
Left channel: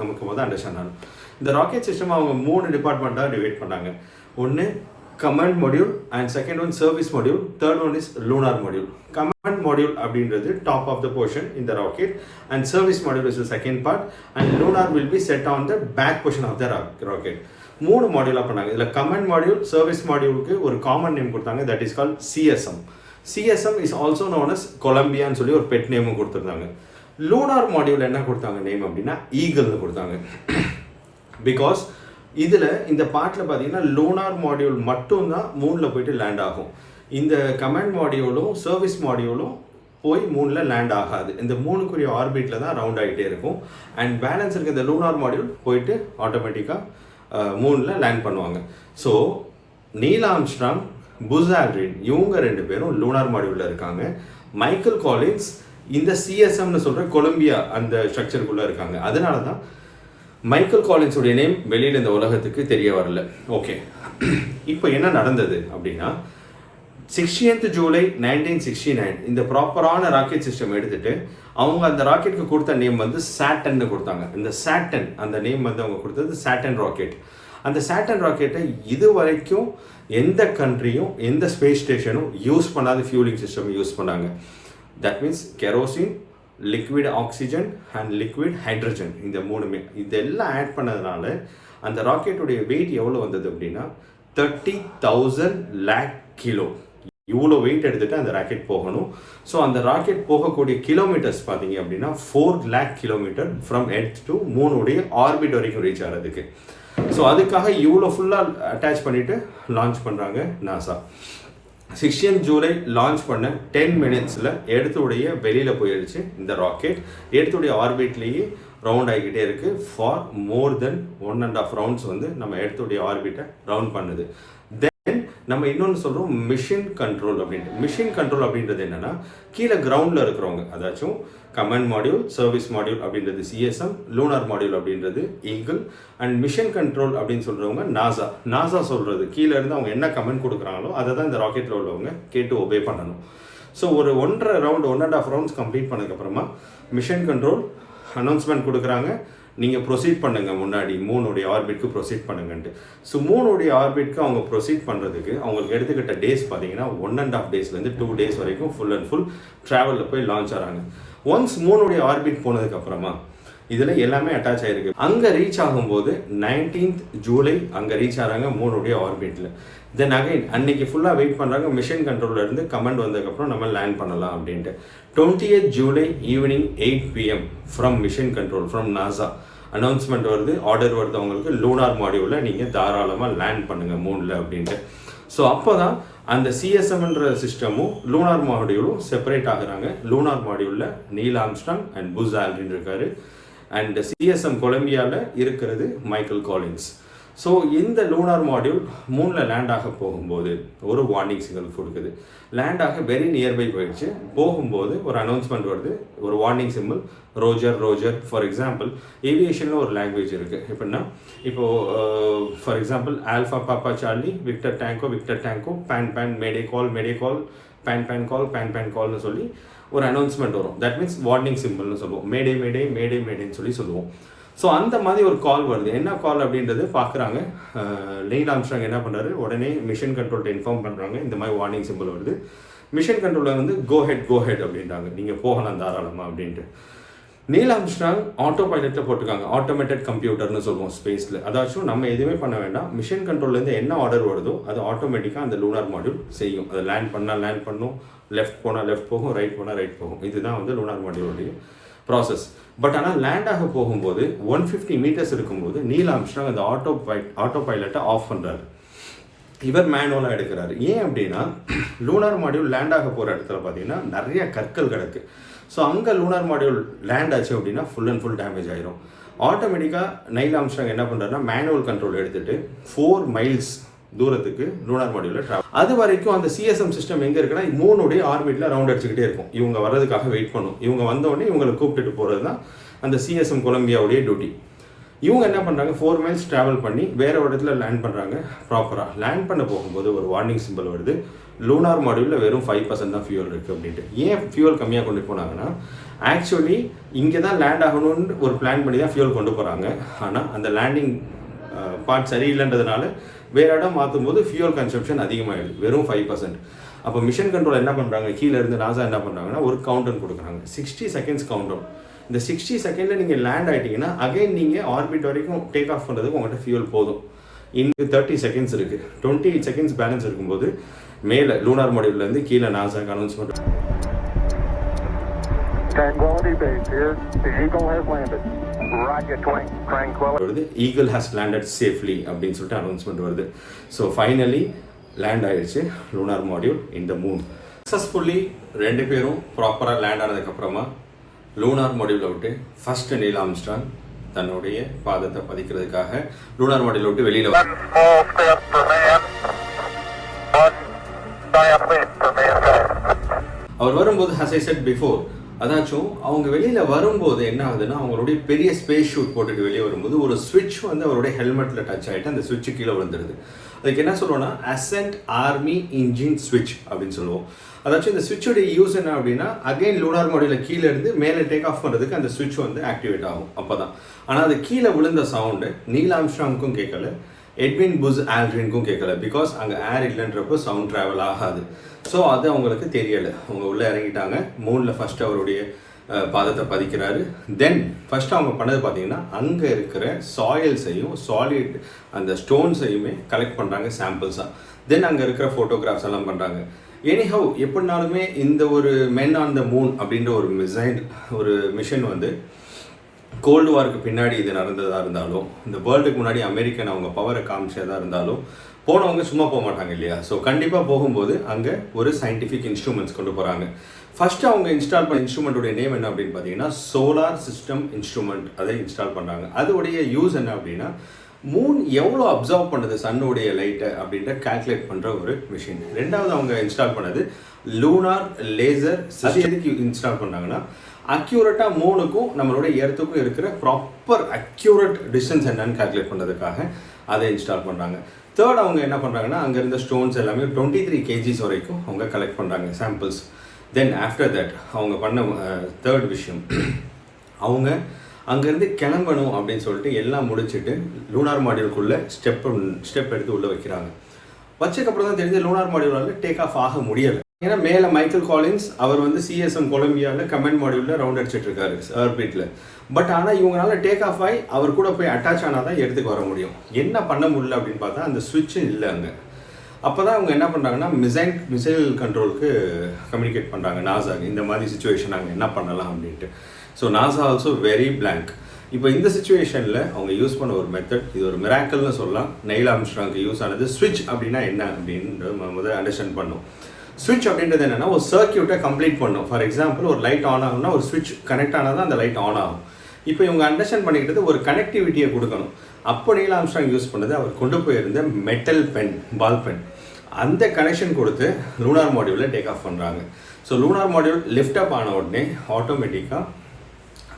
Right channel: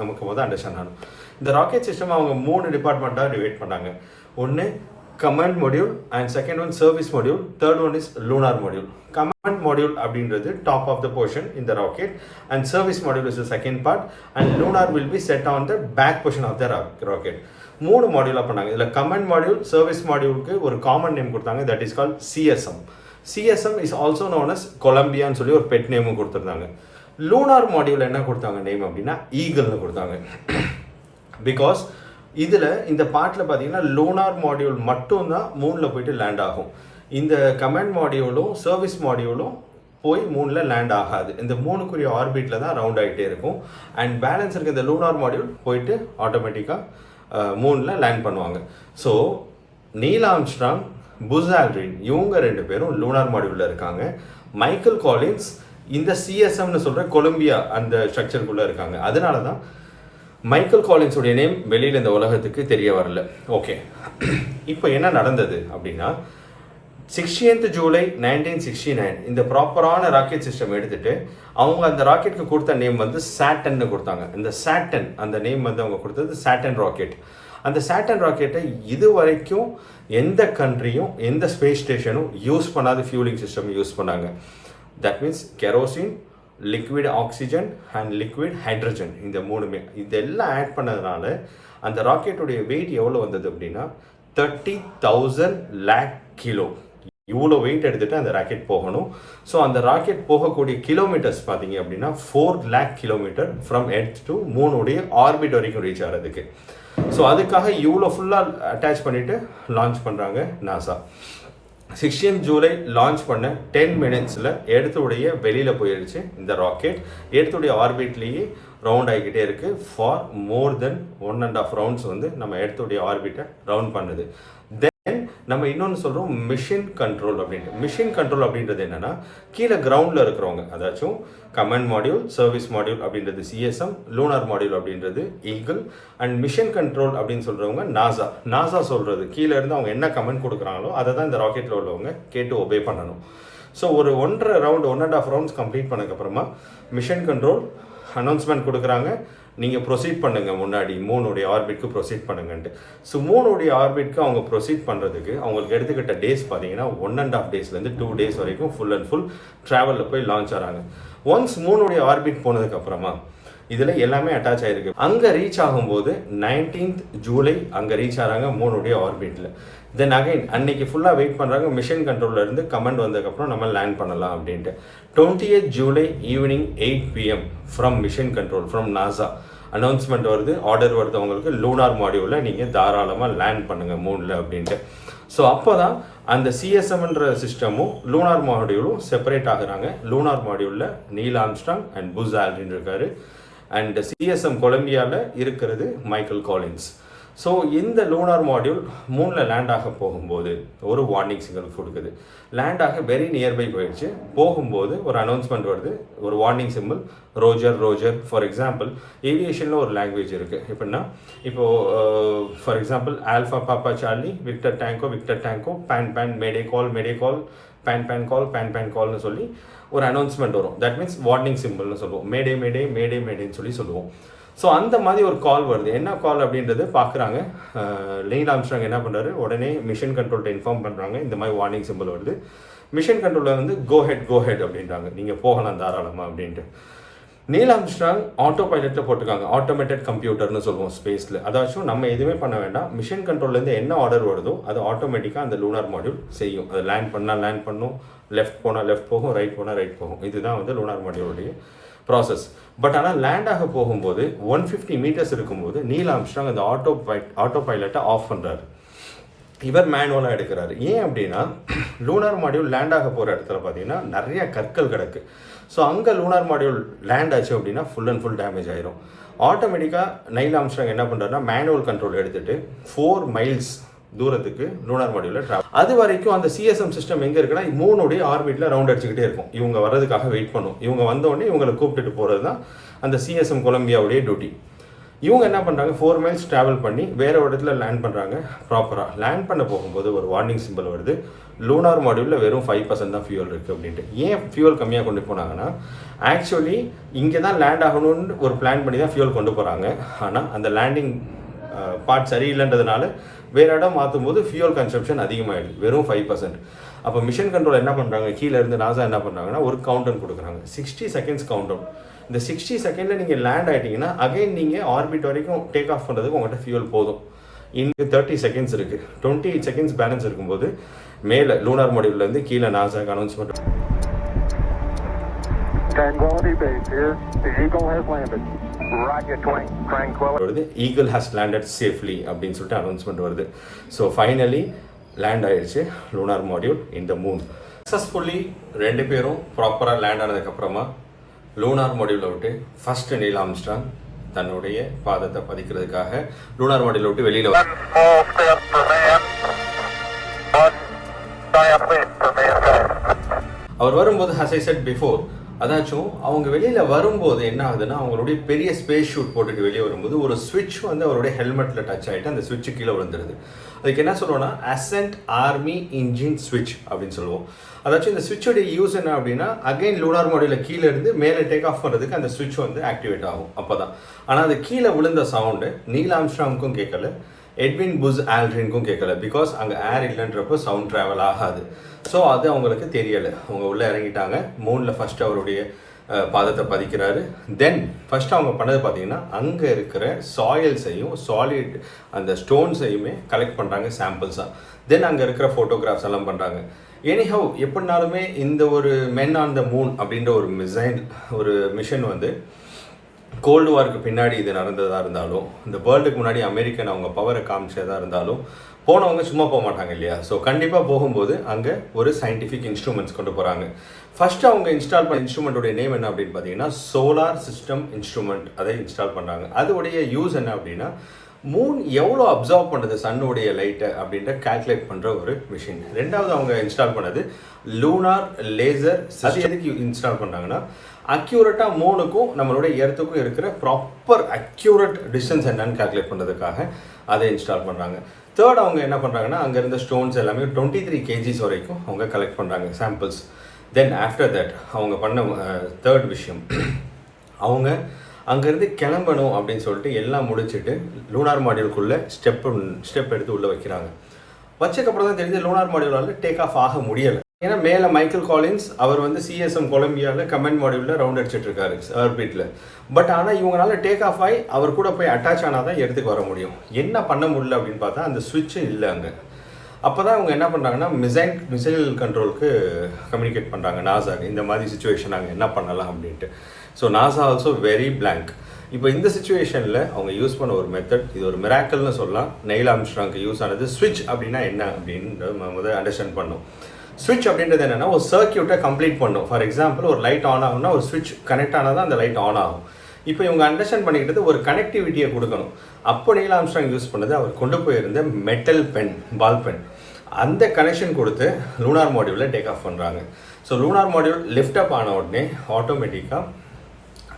நமக்கு முதல் அண்டர்ஸ்டாண்ட் ஆகணும். இந்த ராக்கெட் சிஸ்டம் அவங்க 3 டிபார்ட்மெண்ட்டாக டிவைட் பண்ணாங்க. ஒன்று command module and second one service module, third one is lunar module. Command module அப்படின்றது top of the portion in the rocket and service module is the second part and lunar will be set on the back portion of the rocket. 3 மாடியூலாக பண்ணாங்க. இதில் command module, service மாடியூலுக்கு ஒரு common name கொடுத்தாங்க, that is call CSM. CSM is also known as கொலம்பியான்னு சொல்லி ஒரு bed நேமும் கொடுத்துருந்தாங்க. லூனார் மாடியூல் என்ன கொடுத்தாங்க நேம் அப்படின்னா ஈகிள்னு கொடுத்தாங்க. பிகாஸ் இதில் இந்த பாட்டில் பார்த்தீங்கன்னா லூனார் மாடியூல் மட்டும்தான் மூணில் போயிட்டு லேண்ட் ஆகும். இந்த கமாண்ட் மாடியூலும் சர்வீஸ் மாடியூலும் போய் மூணில் லேண்ட் ஆகாது. இந்த 3க்குரிய ஆர்பிட்டில் தான் ரவுண்ட் ஆகிட்டே இருக்கும். அண்ட் பேலன்ஸ் இருக்க இந்த லூனார் மாடியூல் போயிட்டு ஆட்டோமேட்டிக்காக மூணில் லேண்ட் பண்ணுவாங்க. So Neil Armstrong, Buzz Aldrin இவங்க 2 பேரும் லூனார் மாடியூலில் இருக்காங்க. மைக்கேல் காலின்ஸ் இந்த சிஎஸ்எம்னு சொல்கிற கொலம்பியா அந்த ஸ்ட்ரக்சருக்குள்ளே இருக்காங்க. அதனால தான் மைக்கேல் காலின்ஸுடைய நேம் வெளியில் இந்த உலகத்துக்கு தெரிய வரல. ஓகே, இப்போ என்ன நடந்தது அப்படின்னா 16th ஜூலை 1969 இந்த ப்ராப்பரான ராக்கெட் சிஸ்டம் எடுத்துட்டு அவங்க அந்த ராக்கெட்டுக்கு கொடுத்த நேம் வந்து சாட்டன்னு கொடுத்தாங்க. இந்த சாட்டன் அந்த நேம் வந்து அவங்க கொடுத்தது சாட்டன் ராக்கெட். அந்த சாட்டன் ராக்கெட்டை இது வரைக்கும் எந்த கண்ட்ரியும் எந்த ஸ்பேஸ் ஸ்டேஷனும் யூஸ் பண்ணாத ஃபியூலிங் சிஸ்டம் யூஸ் பண்ணாங்க. That means kerosene, liquid oxygen and liquid hydrogen, இந்த 3மே இதெல்லாம் ஆட் பண்ணதுனால அந்த ராக்கெட்டுடைய வெயிட் எவ்வளோ வந்தது அப்படின்னா 30,000 lakh கிலோ. இவ்வளோ வெயிட் எடுத்துகிட்டு அந்த ராக்கெட் போகணும். ஸோ அந்த ராக்கெட் போகக்கூடிய கிலோமீட்டர்ஸ் பார்த்தீங்க அப்படின்னா 4 lakh kilometre from earth to மூணுடைய ஆர்பிட் வரைக்கும் ரீச் ஆகிறதுக்கு. ஸோ அதுக்காக இவ்வளோ ஃபுல்லாக அட்டாச் பண்ணிவிட்டு லான்ச் பண்ணுறாங்க நாசா. 16th ஜூலை லான்ச் பண்ண 10 minutesல எர்த்துடைய வெளியில் போயிடுச்சு இந்த ராக்கெட். எர்த்துடைய ஆர்பிட்லேயே ரவுண்ட் ஆகிக்கிட்டே இருக்குது. ஃபார் மோர் தென் 1.5 rounds வந்து நம்ம எர்த்துடைய ஆர்பிட்டை ரவுண்ட் பண்ணுது. தென் நம்ம இன்னொன்று சொல்கிறோம் மிஷன் கண்ட்ரோல் அப்படின்ட்டு. மிஷன் கண்ட்ரோல் அப்படின்றது என்னென்னா கீழே கிரவுண்டில் இருக்கிறவங்க, அதாச்சும் கமாண்ட் மாடியூல், சர்வீஸ் மாடியூல் அப்படின்றது சிஎஸ்எம், லூனார் மாடியூல் அப்படின்றது ஈகிள், அண்ட் மிஷன் கண்ட்ரோல் அப்படின்னு சொல்கிறவங்க நாசா. நாசா சொல்கிறது கீழே இருந்து அவங்க என்ன கமெண்ட் கொடுக்குறாங்களோ அதை தான் இந்த ராக்கெட்டில் உள்ளவங்க கேட்டு ஒபே பண்ணணும். ஸோ ஒரு 1.5 rounds கம்ப்ளீட் பண்ணதுக்கப்புறமா மிஷன் கண்ட்ரோல் அனௌன்ஸ்மெண்ட் கொடுக்குறாங்க, நீங்கள் ப்ரொசீட் பண்ணுங்கள், முன்னாடி மூணுடைய ஆர்பிட்க்கு ப்ரொசீட் பண்ணுங்கன்ட்டு. ஸோ மூணுடைய ஆர்பிட்க்கு அவங்க ப்ரொசீட் பண்ணுறதுக்கு அவங்களுக்கு எடுத்துக்கிட்ட டேஸ் பார்த்தீங்கன்னா 1.5 daysலேருந்து 2 days வரைக்கும் ஃபுல் அண்ட் ஃபுல் ட்ராவலில் போய் லான்ச் ஆகிறாங்க. ஒன்ஸ் மூணுடைய ஆர்பிட் போனதுக்கப்புறமா இதில் எல்லாமே அட்டாச் ஆகிருக்கு. அங்கே ரீச் ஆகும்போது 19th ஜூலை அங்கே ரீச் ஆகிறாங்க மூணுடைய ஆர்பிட்டில். தென் அகைன் அன்னைக்கு ஃபுல்லாக வெயிட் பண்ணுறாங்க, மிஷன் கண்ட்ரோலில் இருந்து கமெண்ட் வந்ததுக்கப்புறம் நம்ம லேண்ட் பண்ணலாம் அப்படின்ட்டு. 20th July evening 8 PM from mission control from NASA announcement வருது, ஆர்டர் வருது அவங்களுக்கு, லூனார் மாடியூலில் நீங்கள் தாராளமாக லேண்ட் பண்ணுங்கள் மூணில் அப்படின்ட்டு. ஸோ அப்போ தான் அந்த சிஎஸ்எம்ன்ற சிஸ்டமும் லூனார் மாடியூலும் செப்பரேட் ஆகுறாங்க. லூனார் மாடியூலில் Neil Armstrong and Buzz Aldrin இருக்காரு, அண்ட் சிஎஸ்எம் கொலம்பியாவில் இருக்கிறது மைக்கேல் காலின்ஸ். ஸோ இந்த லூனார் மாடியூல் மூணில் லேண்ட் ஆக போகும்போது ஒரு வார்னிங் சிக்னல் கொடுக்குது. லேண்ட் ஆக வெரி நியர்பை போயிடுச்சு. போகும்போது ஒரு அனௌன்ஸ்மெண்ட் வருது, ஒரு warning simple, Roger Roger. For example ஏவியேஷனில் ஒரு லாங்குவேஜ் இருக்குது. எப்படின்னா இப்போது for example alpha papa charlie victor tango pan mayday call pan கால்னு சொல்லி ஒரு அனௌன்ஸ்மெண்ட் வரும். தட் மீன்ஸ் வார்னிங் சிம்பிள்னு சொல்லுவோம். மேடேன்னு சொல்லி சொல்லுவோம். ஸோ அந்த மாதிரி ஒரு கால் வருது. என்ன கால் அப்படின்றது பார்க்குறாங்க. நீல் ஆம்ஸ்ட்ராங் என்ன பண்ணுறாரு, உடனே மிஷன் கண்ட்ரோல்கிட்ட இன்ஃபார்ம் பண்ணுறாங்க, இந்த மாதிரி வார்னிங் சிம்பிள் வருது. மிஷன் கண்ட்ரோலில் வந்து கோ ஹெட் அப்படின்றாங்க, நீங்கள் போகலாம் தாராளமாக அப்படின்ட்டு. நீல் ஆம்ஸ்ட்ராங் ஆட்டோ பைலட்டில் போட்டிருக்காங்க, ஆட்டோமேட்டட் கம்ப்யூட்டர்னு சொல்லுவோம் ஸ்பேஸில். அதாச்சும் நம்ம எதுவுமே பண்ண வேண்டாம், மிஷன் கண்ட்ரோல்லேருந்து என்ன ஆர்டர் வருதோ அது ஆட்டோமேட்டிக்காக அந்த லூனார் மாடியூல் செய்யும். அது லேண்ட் பண்ணால் லேண்ட் பண்ணும், லெஃப்ட் போனால் லெஃப்ட் போகும், ரைட் போனால் ரைட் போகும். இதுதான் வந்து லூனார் மாடியூலுடைய ப்ராசஸ். பட் ஆனால் லேண்ட் ஆக போகும்போது 150 meters இருக்கும்போது நீல் ஆம்ஸ்ட்ராங் அந்த ஆட்டோ பைலட்டை ஆஃப் பண்ணுறாரு. இவர் மேனுவலாக எடுக்கிறாரு. ஏன் அப்படின்னா லூனார் மாடியூல் லேண்ட் ஆக போகிற இடத்துல பார்த்தீங்கன்னா நிறைய கற்கள் கிடக்கு. ஸோ அங்கே லூனார் மாடியூல் லேண்ட் ஆச்சு அப்படின்னா ஃபுல் அண்ட் ஃபுல் டேமேஜ் ஆயிரும். ஆட்டோமேட்டிக்காக நீல் ஆம்ஸ்ட்ராங் என்ன பண்ணுறாருன்னா மேனுவல் கண்ட்ரோல் எடுத்துகிட்டு 4 miles தூரத்துக்கு லூனார் மாடியூலில் ட்ராவல். அது வரைக்கும் அந்த சிஎஸ்எம் சிஸ்டம் எங்கே இருக்குன்னா மூணுடைய ஆர்பிட்டில் ரவுண்ட் அடிச்சுக்கிட்டே இருக்கும். இவங்க வர்றதுக்காக வெயிட் பண்ணும். இவங்க வந்தோடனே இவங்களை கூப்பிட்டுட்டு போகிறது தான் அந்த சிஎஸ்எம் கொலம்பியாவுடைய டியூட்டி. இவங்க என்ன பண்ணுறாங்க, 4 miles ட்ராவல் பண்ணி வேறு ஒரு இடத்துல லேண்ட் பண்ணுறாங்க. ப்ராப்பராக லேண்ட் பண்ண போகும்போது ஒரு வார்னிங் சிம்பிள் வருது, லூனார் மாடியூலில் வெறும் 5% தான் ஃபியூல் இருக்குது அப்படின்ட்டு. ஏன் ஃபியூல் கம்மியாக கொண்டு போனாங்கன்னா ஆக்சுவலி இங்கே தான் லேண்ட் ஆகணும்னு ஒரு பிளான் பண்ணி தான் ஃபியூல் கொண்டு போகிறாங்க. ஆனால் அந்த லேண்டிங் பார்ட் சரியில்லைன்றதுனால வேறு இடம் மாற்றும் போது ஃபியூல் கன்சப்ஷன் அதிகமாகிடுது, வெறும் 5%. அப்போ மிஷன் கண்ட்ரோல் என்ன பண்ணுறாங்க, கீழே இருந்து நாசா என்ன பண்ணுறாங்கன்னா ஒரு கவுண்டவுன் கொடுக்குறாங்க, 60 seconds கவுண்டவுன். இந்த 60 seconds நீங்கள் லேண்ட் ஆகிட்டிங்கன்னா அகைன் நீங்கள் ஆர்பிட் வரைக்கும் டேக் ஆஃப் பண்ணுறதுக்கு உங்கள்கிட்ட ஃபியூல் போதும். இன்னும் 30 செகண்ட்ஸ் இருக்குது. 20 செகண்ட்ஸ் பேலன்ஸ் இருக்கும்போது மேலே லூனார் மாடியூல்லேருந்து கீழே நாசாக்கு announcement. Tranquility Base here. The Eagle has landed. Roger, Tranquility. Eagle has landed safely அப்படின்னு சொல்லிட்டு அனௌன்ஸ்மெண்ட் வருது. ஸோ ஃபைனலி லேண்ட் ஆயிடுச்சு lunar module in the moon. Successfully 2 பேரும் ப்ராப்பராக லேண்ட் ஆனதுக்கப்புறமா லூனார் மாடியூலை விட்டு ஃபர்ஸ்ட் நீல் ஆம்ஸ்ட்ராங் தன்னுடைய பாதத்தை பதிக்கிறதுக்காக லூனார் மாடியூலை விட்டு வெளியில் One small step for man. One giant leap for mankind. அவர் வரும்போது as I said before, அதாச்சும் அவங்க வெளியில் வரும்போது என்ன ஆகுதுன்னா அவங்களுடைய பெரிய ஸ்பேஸ் ஷூட் போட்டுட்டு வெளியே வரும்போது ஒரு ஸ்விட்ச் வந்து அவருடைய ஹெல்மெட்டில் டச் ஆகிட்டு அந்த ஸ்விட்சு கீழே விழுந்துருது. அதுக்கு என்ன சொல்லுவோம்னா அசென்ட் ஆர்மி இன்ஜின் ஸ்விட்ச் அப்படின்னு சொல்லுவோம். அதாச்சும் இந்த ஸ்விட்சோடைய யூஸ் என்ன அப்படின்னா அகைன் லூனார் மாடியூலில் கீழே இருந்து மேலே டேக் ஆஃப் பண்ணுறதுக்கு அந்த ஸ்விட்ச் வந்து ஆக்டிவேட் ஆகும் அப்போ தான். ஆனால் அது கீழே விழுந்த சவுண்டு நீல் ஆம்ஸ்ட்ராங்க்கும் கேட்கல, எட்வின் புஸ் ஆல்ட்ரினுக்கும் கேட்கல. பிகாஸ் அங்கே ஏர் இல்லைன்றப்போ சவுண்ட் ட்ராவல் ஆகாது. ஸோ அது அவங்களுக்கு தெரியலை. அவங்க உள்ளே இறங்கிட்டாங்க. மூணில் ஃபஸ்ட்டு அவருடைய பாதத்தை பதிக்கிறாரு. தென் ஃபஸ்ட்டு அவங்க பண்ணது பார்த்தீங்கன்னா அங்கே இருக்கிற சாயில்ஸையும் சாலிட் அந்த ஸ்டோன்ஸையுமே கலெக்ட் பண்ணுறாங்க சாம்பிள்ஸாக. தென் அங்கே இருக்கிற ஃபோட்டோகிராஃப்ஸ் எல்லாம் பண்ணுறாங்க. எனிஹவ் எப்படினாலுமே இந்த ஒரு மென் ஆன் த மூன் அப்படின்ற ஒரு மிஷன் வந்து கோல்டு வாருக்கு பின்னாடி இது நடந்ததாக இருந்தாலும் இந்த வேர்ல்டுக்கு முன்னாடி அமெரிக்கன் அவங்க பவரை காமிச்சதாக இருந்தாலும் போனவங்க சும்மா போக மாட்டாங்க இல்லையா. ஸோ கண்டிப்பாக போகும்போது அங்கே ஒரு சயின்டிஃபிக் இன்ஸ்ட்ருமெண்ட்ஸ் கொண்டு போகிறாங்க. ஃபஸ்ட்டு அவங்க இன்ஸ்டால் பண்ண இன்ஸ்ட்ருமெண்ட்டுடைய நேம் என்ன அப்படின்னு பார்த்தீங்கன்னா சோலார் சிஸ்டம் இன்ஸ்ட்ருமெண்ட். அதை இன்ஸ்டால் பண்ணுறாங்க. அதோடைய யூஸ் என்ன அப்படின்னா மூன் எவ்வளோ அப்சர்வ் பண்ணுது சன்னுடைய லைட்டை அப்படின்ற கால்குலேட் பண்ணுற ஒரு மிஷின். ரெண்டாவது அவங்க இன்ஸ்டால் பண்ணது லூனார் லேசர். அது எதுக்கு இன்ஸ்டால் பண்ணாங்கன்னா அக்யூரேட்டாக மூணுக்கும் நம்மளுடைய எர்த்துக்கும் இருக்கிற ப்ராப்பர் அக்யூரேட் டிஸ்டன்ஸ் என்னன்னு கால்குலேட் பண்ணுறதுக்காக அதை இன்ஸ்டால் பண்ணுறாங்க. தேர்ட் அவங்க என்ன பண்ணுறாங்கன்னா அங்கே இருந்த ஸ்டோன்ஸ் எல்லாமே 23 kgs வரைக்கும் அவங்க கலெக்ட் பண்ணுறாங்க சாம்பிள்ஸ். தென் ஆஃப்டர் தட் அவங்க பண்ண தேர்ட் விஷயம் அவங்க அங்கேருந்து கிளம்பணும் அப்படின்னு சொல்லிட்டு எல்லாம் முடிச்சுட்டு லூனார் மாடியூலுக்குள்ளே ஸ்டெப் எடுத்து உள்ளே வைக்கிறாங்க. வச்சதுக்கப்புறம் தான் தெரிஞ்சு லூனார் மாடியூலால் டேக் ஆஃப் ஆக முடியலை. ஏன்னா மேலே மைக்கேல் காலின்ஸ் அவர் வந்து CSM கொலம்பியாவில் கமெண்ட் மாடியூலில் ரவுண்ட் அடிச்சிட்டு இருக்காரு ஆர்பிட்டில். பட் ஆனால் இவங்களால டேக் ஆஃப் ஆகி அவர் கூட போய் அட்டாச் ஆனால் தான் எடுத்துக்கு வர முடியும். என்ன பண்ண முடியல அப்படின்னு பார்த்தா அந்த ஸ்விட்சும் இல்லை அங்கே. அப்போ தான் அவங்க என்ன பண்ணுறாங்கன்னா மிசைல் கண்ட்ரோலுக்கு கம்யூனிகேட் பண்ணுறாங்க நாசாக்கு. இந்த மாதிரி சுச்சுவேஷன் நாங்கள் என்ன பண்ணலாம் அப்படின்ட்டு. So NASA also very blank. இப்போ இந்த சுச்சுவேஷனில் அவங்க யூஸ் பண்ண ஒரு மெத்தட், இது ஒரு மிராக்கல்னு சொல்லலாம். நீல் ஆம்ஸ்ட்ராங்க்கு யூஸ் ஆனது ஸ்விட்ச் அப்படின்னா என்ன அப்படின்னு முதல்ல அண்டர்ஸ்டாண்ட் பண்ணோம். ஸ்விட்ச் அப்படின்றது என்னென்னா ஒரு சர்க்கியூட்டை கம்ப்ளீட் பண்ணும். ஃபார் எக்ஸாம்பிள் ஒரு லைட் ஆன் ஆகும்னா ஒரு ஸ்விட்ச் கனெக்ட் ஆனால் தான் அந்த லைட் ஆன் ஆகும். இப்போ இவங்க அண்டர்ஸ்டாண்ட் பண்ணிக்கிட்டது ஒரு கனெக்டிவிட்டியை கொடுக்கணும். அப்போ நீல் ஆம்ஸ்ட்ராங் யூஸ் பண்ணது அவர் கொண்டு போயிருந்த மெட்டல் பென், பால் பென், அந்த கனெக்ஷன் கொடுத்து லூனார் மாடியூலில் டேக் ஆஃப் பண்ணுறாங்க. So lunar module lift up ஆன உடனே ஆட்டோமேட்டிக்காக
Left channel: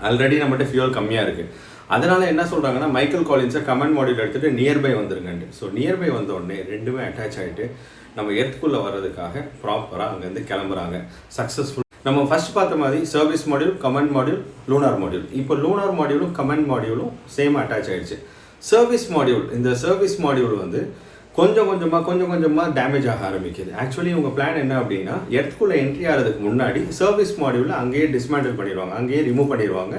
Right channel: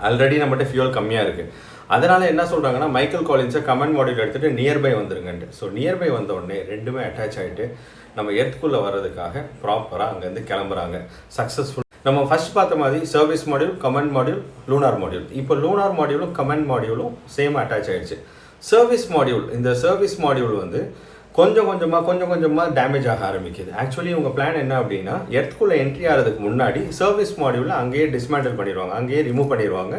ஆல்ரெடி நம்மகிட்ட ஃபியூல் கம்மியாக இருக்குது. அதனால் என்ன சொல்கிறாங்கன்னா மைக்கேல் காலின்ஸை கமெண்ட் மாடியூல் எடுத்துகிட்டு நியர்பை வந்துருங்கன்ட்டு. ஸோ நியர்பை வந்த உடனே ரெண்டுமே அட்டாச் ஆகிட்டு நம்ம எர்த்துக்குள்ளே வர்றதுக்காக ப்ராப்பராக அங்கேருந்து கிளம்புறாங்க சக்ஸஸ்ஃபுல். நம்ம ஃபர்ஸ்ட் பார்த்த மாதிரி service module, comment module, lunar module. இப்போ லூனார் மாடியூலும் கமெண்ட் மாடியூலும் சேம் அட்டாச் ஆகிடுச்சு. சர்வீஸ் மாடியூல், இந்த சர்வீஸ் மாடியூல் வந்து கொஞ்சம் கொஞ்சமாக டேமேஜ் ஆக ஆரம்பிக்குது. ஆக்சுவலி உங்கள் பிளான் என்ன அப்படின்னா எர்த்துக்குள்ளே என்ட்ரி ஆகிறதுக்கு முன்னாடி சர்வீஸ் மாடியூலில் அங்கேயே டிஸ்மேண்டில் பண்ணிடுவாங்க, அங்கேயே ரிமூவ் பண்ணிடுவாங்க.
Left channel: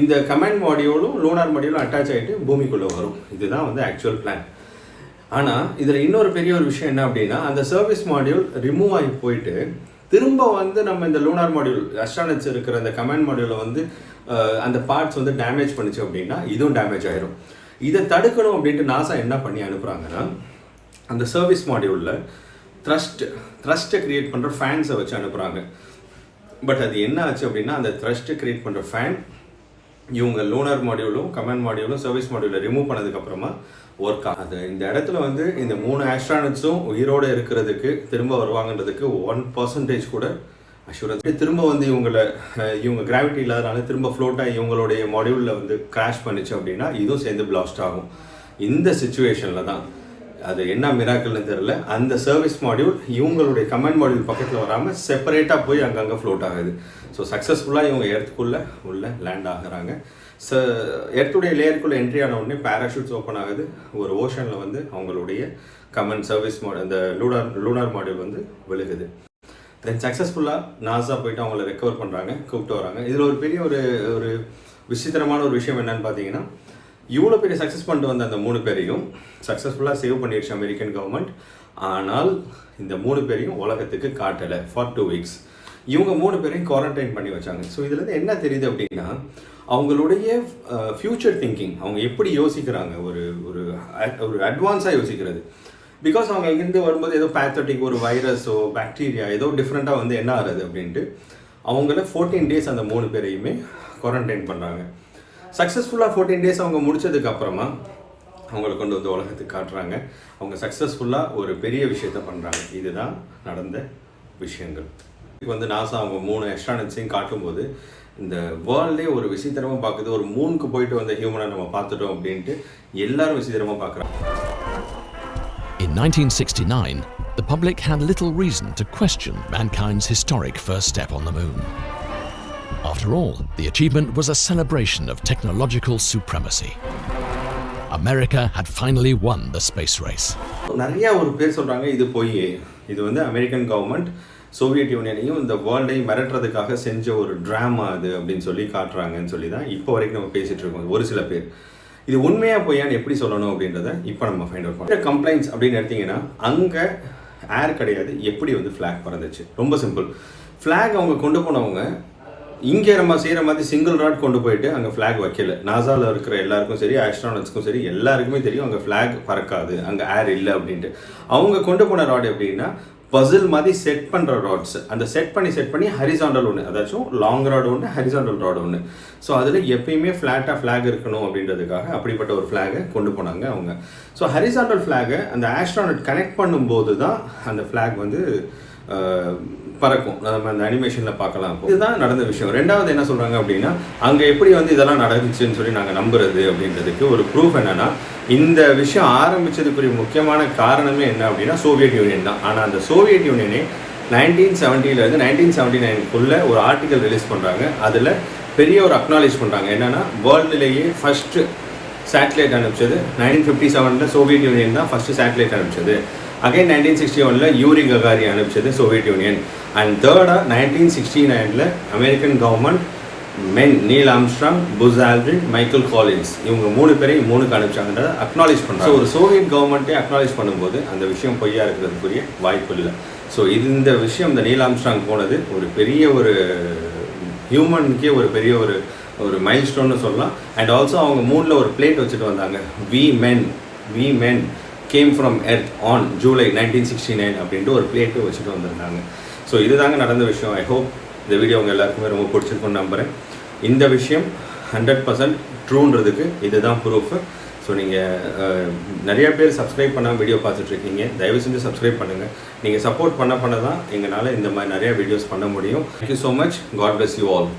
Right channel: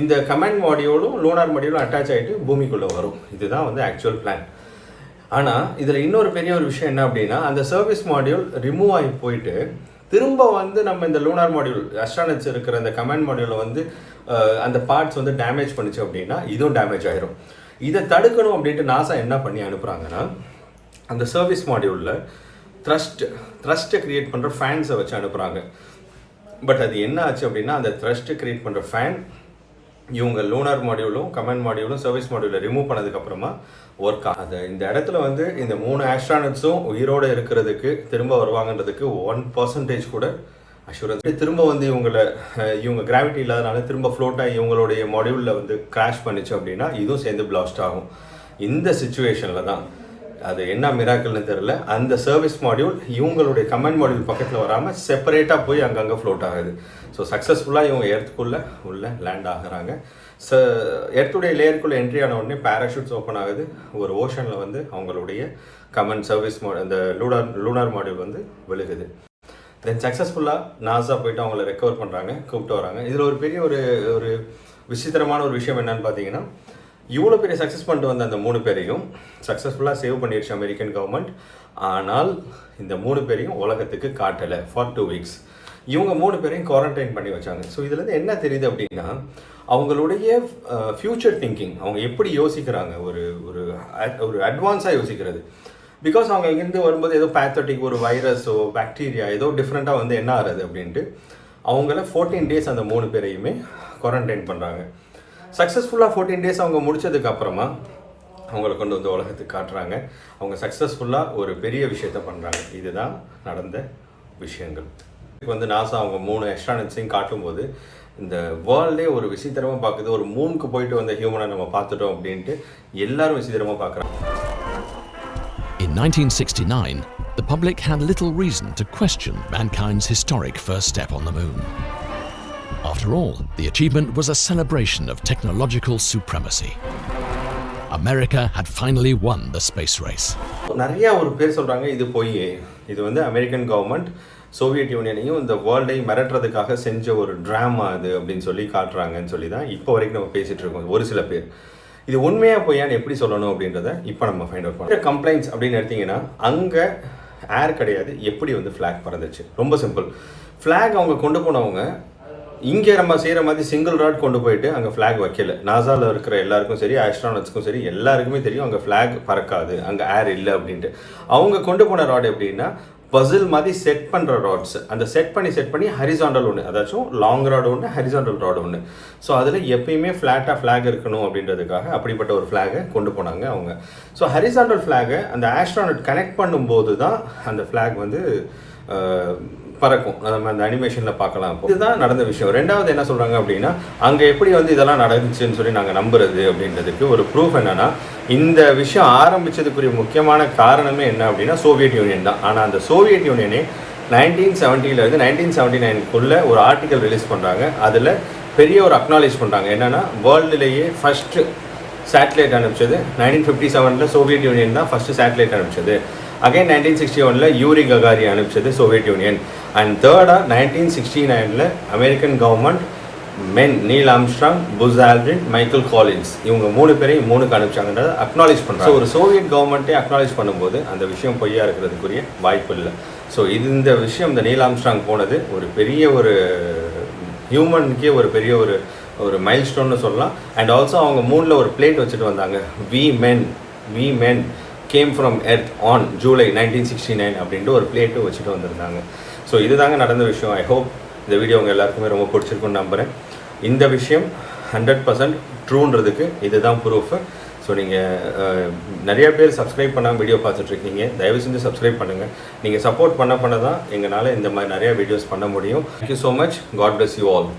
இந்த கமெண்ட் மாடியூலும் லூனார் மாடியூலும் அட்டாச் ஆகிட்டு பூமிக்குள்ளே வரும். இதுதான் வந்து ஆக்சுவல் பிளான். ஆனால் இதில் இன்னொரு பெரிய ஒரு விஷயம் என்ன அப்படின்னா அந்த சர்வீஸ் மாடியூல் ரிமூவ் ஆகி போயிட்டு திரும்ப வந்து நம்ம இந்த லூனார் மாடியூல் அஸ்ட்ரானட்ஸ் இருக்கிற அந்த கமெண்ட் மாடியூலை வந்து அந்த பார்ட்ஸ் வந்து டேமேஜ் பண்ணிச்சு அப்படின்னா இதுவும் டேமேஜ் ஆயிரும். இதை தடுக்கணும் அப்படின்ட்டு நாசா என்ன பண்ணி அனுப்புகிறாங்கன்னா அந்த சர்வீஸ் மாடியூலில் த்ரஸ்ட்டை க்ரியேட் பண்ணுற ஃபேன்ஸை வச்சு அனுப்புகிறாங்க. பட் அது என்ன ஆச்சு அப்படின்னா அந்த த்ரஸ்ட்டை க்ரியேட் பண்ணுற ஃபேன் இவங்க லூனார் மாடியூலும் கமெண்ட் மாடியூலும் சர்வீஸ் மாடியூலில் ரிமூவ் பண்ணதுக்கப்புறமா ஒர்க் ஆகுது. இந்த இடத்துல வந்து இந்த 3 ஆஸ்ட்ரானட்ஸும் உயிரோடு இருக்கிறதுக்கு திரும்ப வருவாங்கன்றதுக்கு 1% கூட அஷூரன்ஸ். திரும்ப வந்து இவங்க கிராவிட்டி இல்லாதனால திரும்ப ஃப்ளோட் ஆகி இவங்களுடைய மாடியூலில் வந்து கிராஷ் பண்ணிச்சு அப்படின்னா இதுவும் சேர்ந்து பிளாஸ்ட் ஆகும். இந்த சிச்சுவேஷனில் தான் அது என்ன மிராக்கல்னு தெரில அந்த சர்வீஸ் மாடியூல் இவங்களுடைய கமெண்ட் மாடியூல் பக்கத்தில் வராமல் செப்பரேட்டாக போய் அங்கங்கே ஃப்ளோட் ஆகுது. ஸோ சக்ஸஸ்ஃபுல்லாக இவங்க எர்த்துக்குள்ளே லேண்ட் ஆகுறாங்க. எர்த்துடைய லேயருக்குள்ளே என்ட்ரி ஆன உடனே பேராஷூட்ஸ் ஓப்பன் ஆகுது. ஒரு ஓஷனில் வந்து அவங்களுடைய கமெண்ட் சர்வீஸ் இந்த லூனார் மாடியூல் வந்து விழுகுது. தென் சக்ஸஸ்ஃபுல்லாக நாசா போயிட்டு அவங்கள ரெக்கவர் பண்ணுறாங்க, கூப்பிட்டு வராங்க. இதில் ஒரு பெரிய ஒரு விசித்திரமான ஒரு விஷயம் என்னன்னு பார்த்தீங்கன்னா இவ்வளோ பெரிய சக்ஸஸ் பண்ணிட்டு வந்த அந்த 3 பேரையும் சக்ஸஸ்ஃபுல்லாக சேவ் பண்ணிடுச்சு அமெரிக்கன் கவர்மெண்ட். ஆனால் இந்த 3 பேரையும் உலகத்துக்கு காட்டலை ஃபார் 2 weeks. இவங்க 3 பேரையும் குவாரண்டைன் பண்ணி வச்சாங்க. ஸோ இதுலேருந்து என்ன தெரியுது அப்படின்னா, அவங்களுடைய ஃப்யூச்சர் திங்கிங், அவங்க எப்படி யோசிக்கிறாங்க, ஒரு ஒரு ஒரு அட்வான்ஸாக யோசிக்கிறது. பிகாஸ் அவங்க இங்கேருந்து வரும்போது ஏதோ பேத்தட்டிக் ஒரு வைரஸோ பாக்டீரியா ஏதோ டிஃப்ரெண்ட்டாக வந்து என்ன ஆகுது அப்படின்ட்டு அவங்கள 14 days அந்த 3 பேரையுமே குவாரண்டைன் பண்ணுறாங்க. சக்ஸஸ்ஃபுல்லாக 14 days அவங்க முடிச்சதுக்கப்புறமா அவங்களை கொண்டு வந்து உலகத்துக்கு காட்டுறாங்க. அவங்க சக்ஸஸ்ஃபுல்லாக ஒரு பெரிய விஷயத்த பண்ணுறாங்க. இதுதான் நடந்த விஷயங்கள். இப்போ வந்து நாசா அவங்க 3 எக்ஸ்ட்ரானட்ஸையும் காட்டும்போது இந்த வேர்ல்டே ஒரு விசித்திரமாக பார்க்குது. ஒரு மூணுக்கு போயிட்டு வந்த ஹியூமனை நம்ம பார்த்துட்டோம் அப்படின்ட்டு எல்லாரும் விசித்திரமாக பார்க்குறாங்க. In 1969, the public had little reason to question mankind's historic first step on the moon. After all, the achievement was a celebration of technological supremacy. America had finally won the space race. நிறைய ஒரு பேர் சொல்கிறாங்க இது போய் இது வந்து American government Soviet யூனியனையும் இந்த வேர்ல்டையும் மிரட்டுறதுக்காக செஞ்ச ஒரு ட்ராமா அது அப்படின்னு சொல்லி காட்டுறாங்கன்னு சொல்லி தான் இப்போ வரைக்கும் நம்ம பேசிகிட்டு இருக்கோம். ஒரு சில பேர் இது உண்மையாக பொய்யான்னு எப்படி சொல்லணும் அப்படின்றத இப்போ நம்ம ஃபைண்ட் அவுட் பண்ணுறோம். கம்ப்ளைண்ட்ஸ் அப்படின்னு எடுத்திங்கன்னா அங்கே ஏர் கிடையாது. எப்படி வந்து ஃப்ளாக் பறந்துச்சு? ரொம்ப சிம்பிள். ஃப்ளாக் அவங்க கொண்டு போனவங்க இங்கே நம்ம செய்கிற மாதிரி சிங்கிள் ராட் கொண்டு போயிட்டு அங்கே ஃப்ளாக் வைக்கல. நாசாவில் இருக்கிற எல்லாருக்கும் சரி, ஆஸ்ட்ரானட்ஸ்க்கும் சரி, எல்லாருக்குமே தெரியும் அங்கே ஃப்ளாக் பறக்காது, அங்கே ஏர் இல்லை அப்படின்ட்டு. அவங்க கொண்டு போன ராட் எப்படின்னா பசில் மாதிரி செட் பண்ணுற ராட்ஸ். அந்த செட் பண்ணி ஹரிசாண்டல் ஒன்று, அதாச்சும் லாங் ராட் ஒன்று, ஹரிசாண்டல் ராட் ஒன்று. ஸோ அதில் எப்பயுமே ஃப்ளாட்டாக ஃப்ளாக் இருக்கணும் அப்படின்றதுக்காக அப்படிப்பட்ட ஒரு ஃப்ளாகை கொண்டு போனாங்க அவங்க. ஸோ ஹரிசாண்டல் ஃப்ளாகை அந்த ஆஸ்ட்ரானட் கனெக்ட் பண்ணும்போது தான் அந்த ஃப்ளாக் வந்து பறக்கும். நம்ம அந்த அனிமேஷனில் பார்க்கலாம். இதுதான் நடந்த விஷயம். ரெண்டாவது என்ன சொல்கிறாங்க அப்படின்னா, அங்கே எப்படி வந்து இதெல்லாம் நடந்துச்சுன்னு சொல்லி நாங்கள் நம்புறது அப்படின்றதுக்கு ஒரு ப்ரூஃப் என்னென்னா, இந்த விஷயம் ஆரம்பித்ததுக்குரிய முக்கியமான காரணமே என்ன அப்படின்னா சோவியட் யூனியன் தான். ஆனால் அந்த சோவியட் யூனியனே 1970 1979 ஒரு ஆர்டிக்கல் ரிலீஸ் பண்ணுறாங்க. அதில் பெரிய ஒரு அக்னாலேஜ் பண்ணுறாங்க. என்னென்னா வேர்ல்டுலேயே ஃபஸ்ட்டு சேட்டலைட் அனுப்பிச்சது 1957 சோவியட் யூனியன் தான் ஃபஸ்ட்டு சேட்டலைட் அனுப்பிச்சது. அகைன் 1961 யூரி ககாரி அனுப்பிச்சது சோவியட் யூனியன். அண்ட் தேர்டாக 1969 American government men Neil Armstrong, Buzz Aldrin, Michael Collins இவங்க 3 பேரையும் 3க்கு அனுப்பிச்சாங்கன்றதை அக்னாலேஜ் பண்ணுறாங்க. ஒரு சோவியட் கவர்மெண்ட்டே அக்னாலேஜ் பண்ணும்போது அந்த விஷயம் பொய்யா இருக்கிறதுக்குரிய வாய்ப்பு இல்லை. ஸோ இந்த விஷயம் இந்த நீல் ஆம்ஸ்ட்ராங் போனது ஒரு பெரிய ஒரு ஹியூமனுக்கே ஒரு பெரிய ஒரு மைல் ஸ்டோன்னு சொல்லலாம். அண்ட் ஆல்சோ அவங்க மூணில் ஒரு பிளேட் வச்சுட்டு வந்தாங்க. We men came from earth on July 1969 அப்படின்ட்டு ஒரு பிளேட்டு வச்சுட்டு வந்திருந்தாங்க. ஸோ இதுதாங்க நடந்த விஷயம். ஐ ஹோப் இந்த வீடியோ உங்கள் எல்லாருக்குமே ரொம்ப பிடிச்சிருக்குன்னு நம்புகிறேன். இந்த விஷயம் 100% ட்ரூன்றதுக்கு இதுதான் ப்ரூஃபு. ஸோ நீங்கள் நிறைய பேர் சப்ஸ்கிரைப் பண்ணாமல் வீடியோ பார்த்துட்ருக்கீங்க. தயவு செஞ்சு சப்ஸ்கிரைப் பண்ணுங்கள். நீங்கள் சப்போர்ட் பண்ண தான் எங்களால் இந்த மாதிரி நிறையா வீடியோஸ் பண்ண முடியும். Thank you so much. God bless you all.